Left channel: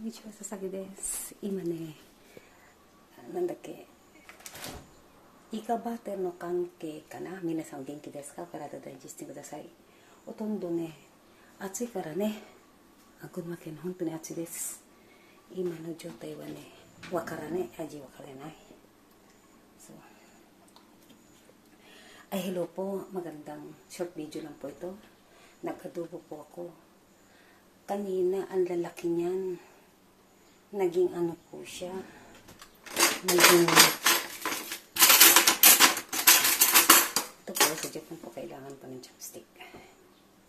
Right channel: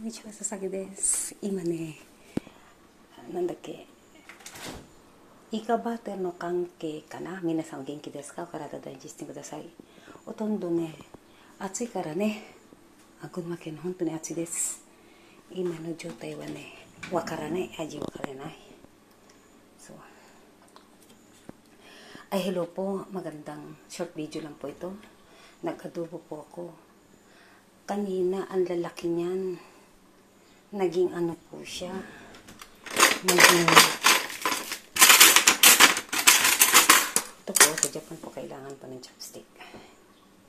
こんにちは、佐々木です。今ね、なんだっけ、イカバターの関係かな。皆さんお元気ですか？お体大事にしてください。ほとんどね、暑いからね、群馬県本当に暑いです。今の状態はね、わからない、味わからない。So, hello po, magandang short video lang po ito. Nag-adobo po ako. Kanina, ang lalaki niyan. Naging ano po siya. Naging... Ito po, sa Japan po, kailangan pa ng chopstick.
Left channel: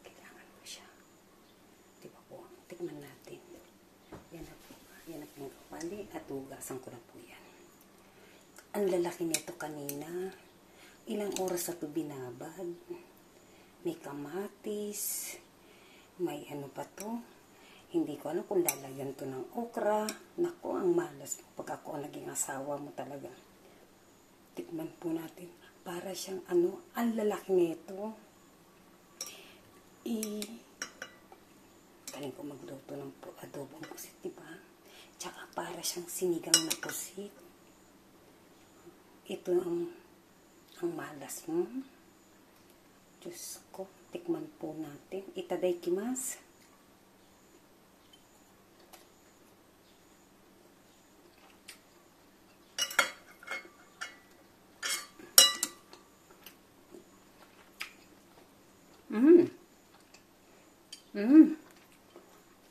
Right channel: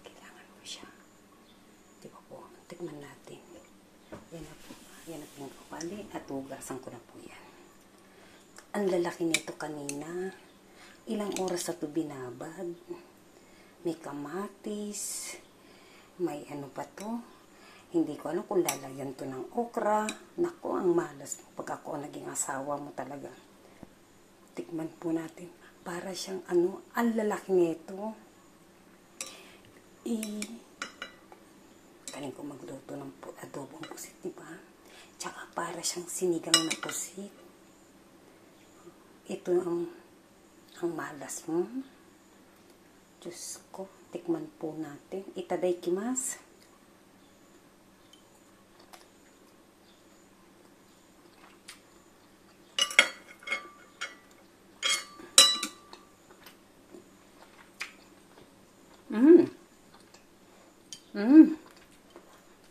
Kailangan po siya. Di ba po? Tikman natin. Yan na po. Yan na po yung kawali. At hugasan ko na po yan. Ang lalaki nito kanina. Ilang oras na ito binabad. May kamatis. May ano pa to. Hindi ko alam kung lalagyan to ng okra. Naku, ang malas mo. Pag ako naging asawa mo talaga. Tikman po natin. Para siyang ano, ang lalaki nito. Galing ko magluto ng adobong pusit, diba? Tsaka para siyang sinigang na pusit. Ito ang malas mo. Diyos ko, tikman po natin. Itadakimasu.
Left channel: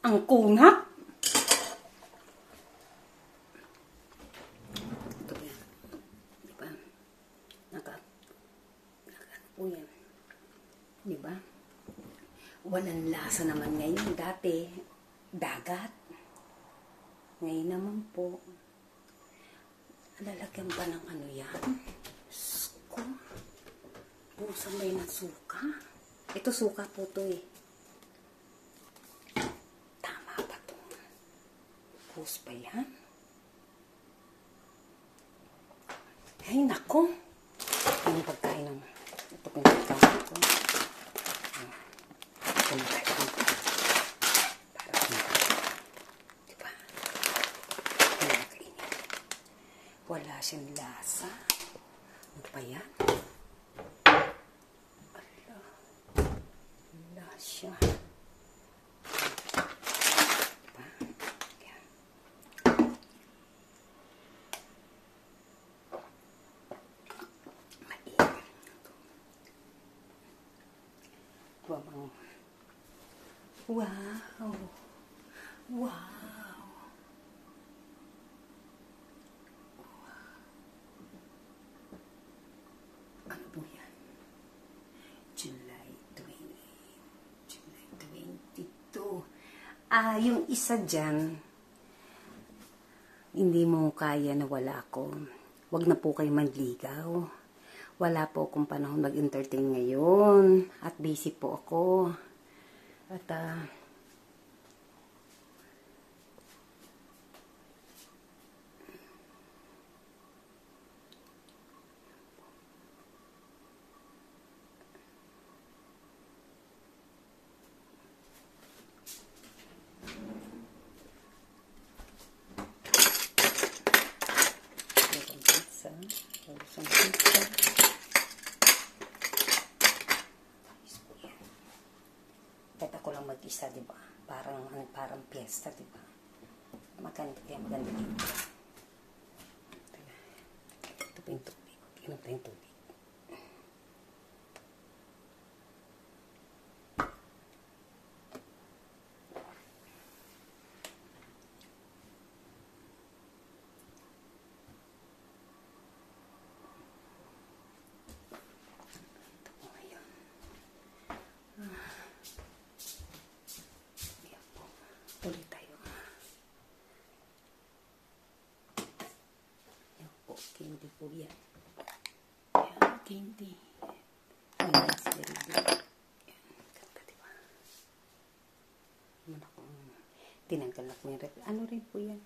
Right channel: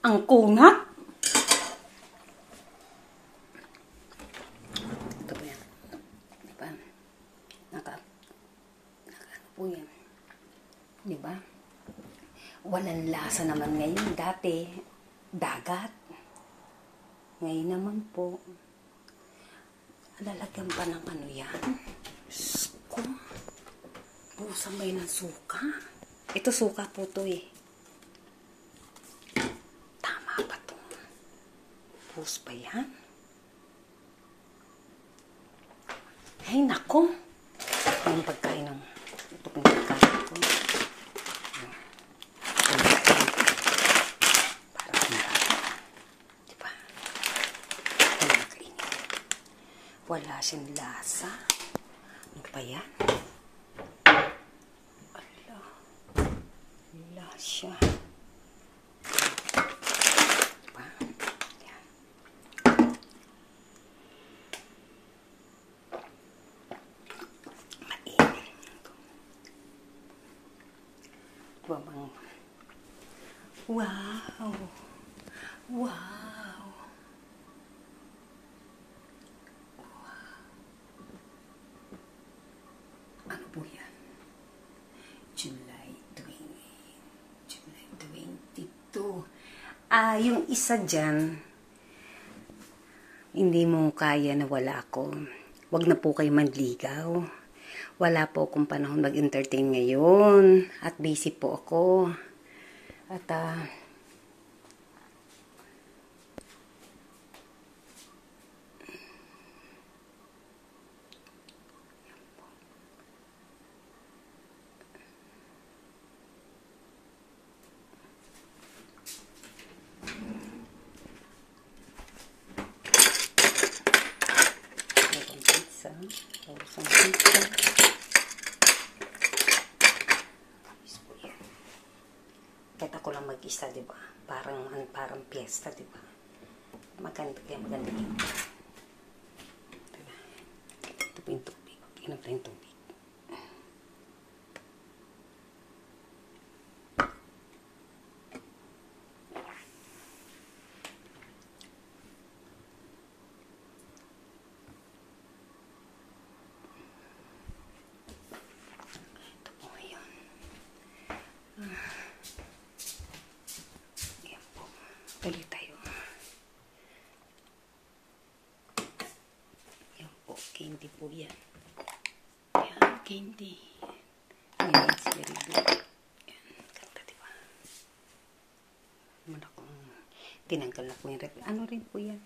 Ang kunat. Ito po yan. Diba? Ano po yan. Diba? Walang lasa naman ngayon. Dati, dagat. Ngayon naman po, lalagyan pa ng ano yan. Diyos ko. Busa may ng suka. Ito suka po to eh. Tama ba to? Bus pa yan? Ay nako. Yung pagkain ng ito pong pagkain ko. Para kumakain. Diba? Hindi nakainin. Wala siyang lasa. Ano pa yan? Siya. Diba? Yan. Mainit. Diba bang? Wow! Wow! Ano po yan? July 22. Yung isa dyan, hindi mo kaya na wala ako. Wag na po kayo manligaw. Wala po akong panahon mag-entertain ngayon. At busy po ako. At, kahit ako lang mag-isa, diba? Parang piyesta, diba? Maganda dito. Ito po yung tubig. Inom tayong tubig. Tuloy tayo. Yan po, candy po yan. Yan, candy. Yan, it's very good. Yan, ganda diba? Naman akong tinanggal na po yung rep. Ano rin po yan?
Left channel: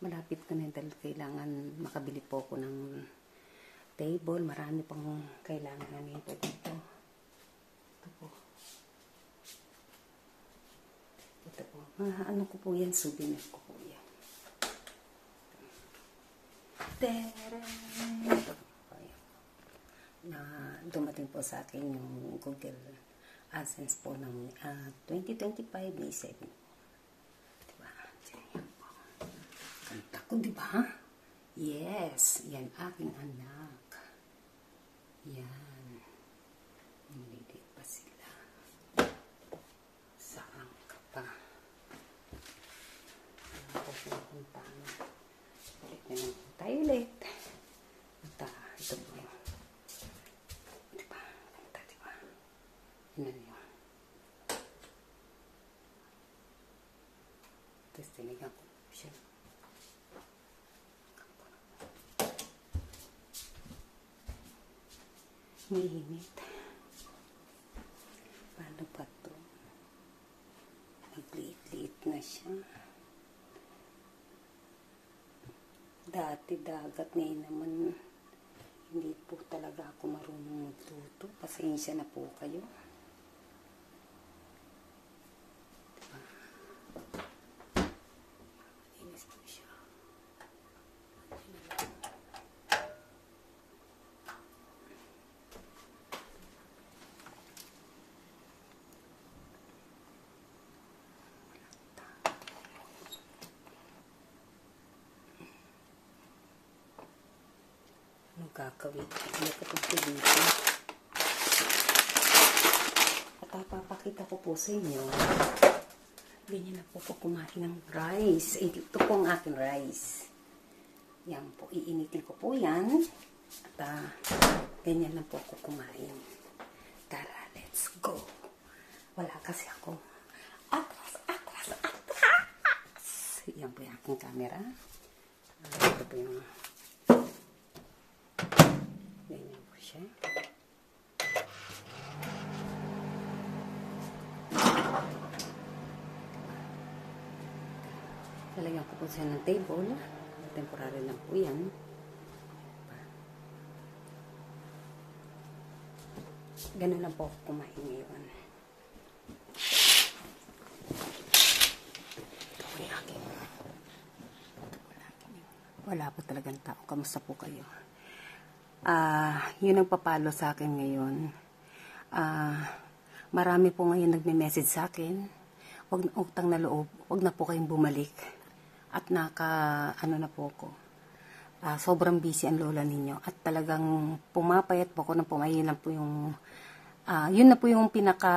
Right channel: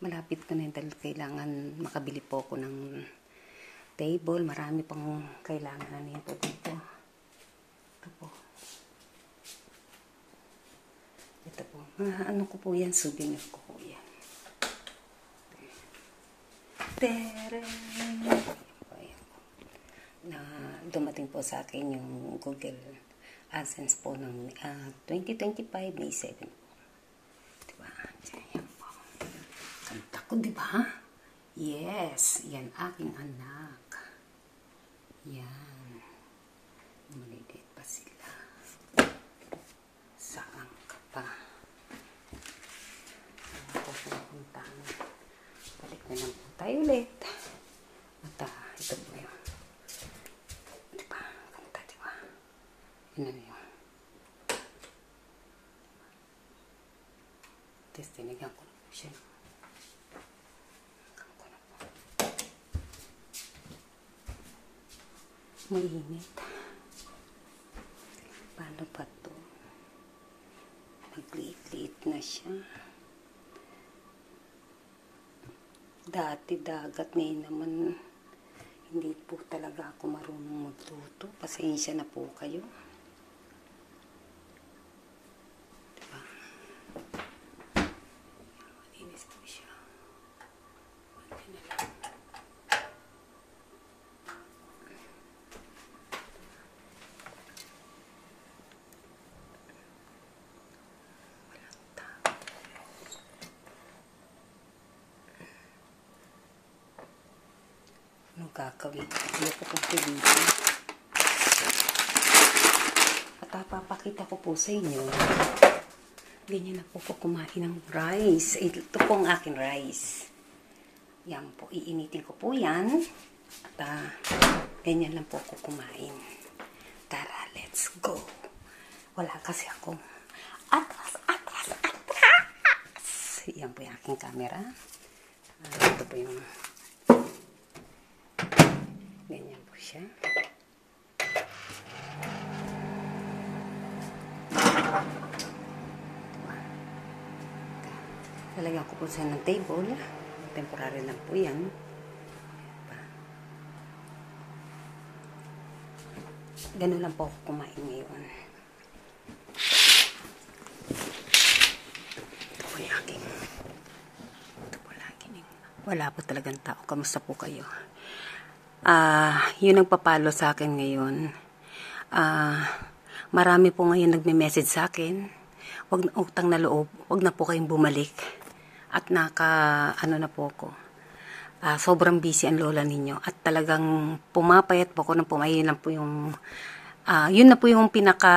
Malapit ko na dahil kailangan makabili po ako ng table. Marami pang kailangan na nito dito. Ito po. Ito po. Ano ko po yan? Souvenir ko po yan. Tere! Na dumating po sa akin yung Google AdSense po ng 2025 May 7 po. Diba? Yan po. Kanta ko, diba? Yes, yan aking anak. Yan. Maliliit pa sila. Saan ka pa? Ano po pupuntahan? Balik na lang po tayo ulit. At ito po yung diba? Kanta, diba? Yan na yun. Tapos tinigyan ko na po siya. Mainit. Paano pa to? Magliit-liit na siya. Dati dagat, ngayon naman hindi po talaga ako marunong magluto. Pasensya na po kayo. Diba? Malinis po siya. Yan na lang. Anong gagawin? Ano ko pong dito? At papakita ko po sa inyo. Ganyan na po kumain ng rice. Ito po ang aking rice. Yan po. Iinitin ko po yan. At ganyan lang po ako kumain. Tara, let's go. Wala kasi ako. Atras! Yan po yung aking camera. Ito po yung ganyan po siya. Lalagyan ko po siya ng table. Temporary lang po yan. Ganun lang po ako kumain ngayon. Ito po yung aking. Ito po lagi. Wala po talagang tao. Kamusta po kayo? Yung nagpapalo sa akin ngayon, marami po ngayon nagme-message sa akin, wag na utang na loob, wag na po kayong bumalik, at ano na po ako, sobrang busy ang lola ninyo, at talagang pumapayat po ako ng pumayin lang po yung, yun na po yung pinaka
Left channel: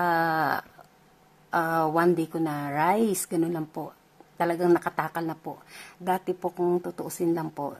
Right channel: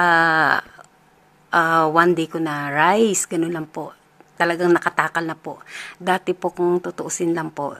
one day ko na rice, ganun lang po, talagang nakatakal na po. Dati po kung tutuusin lang po,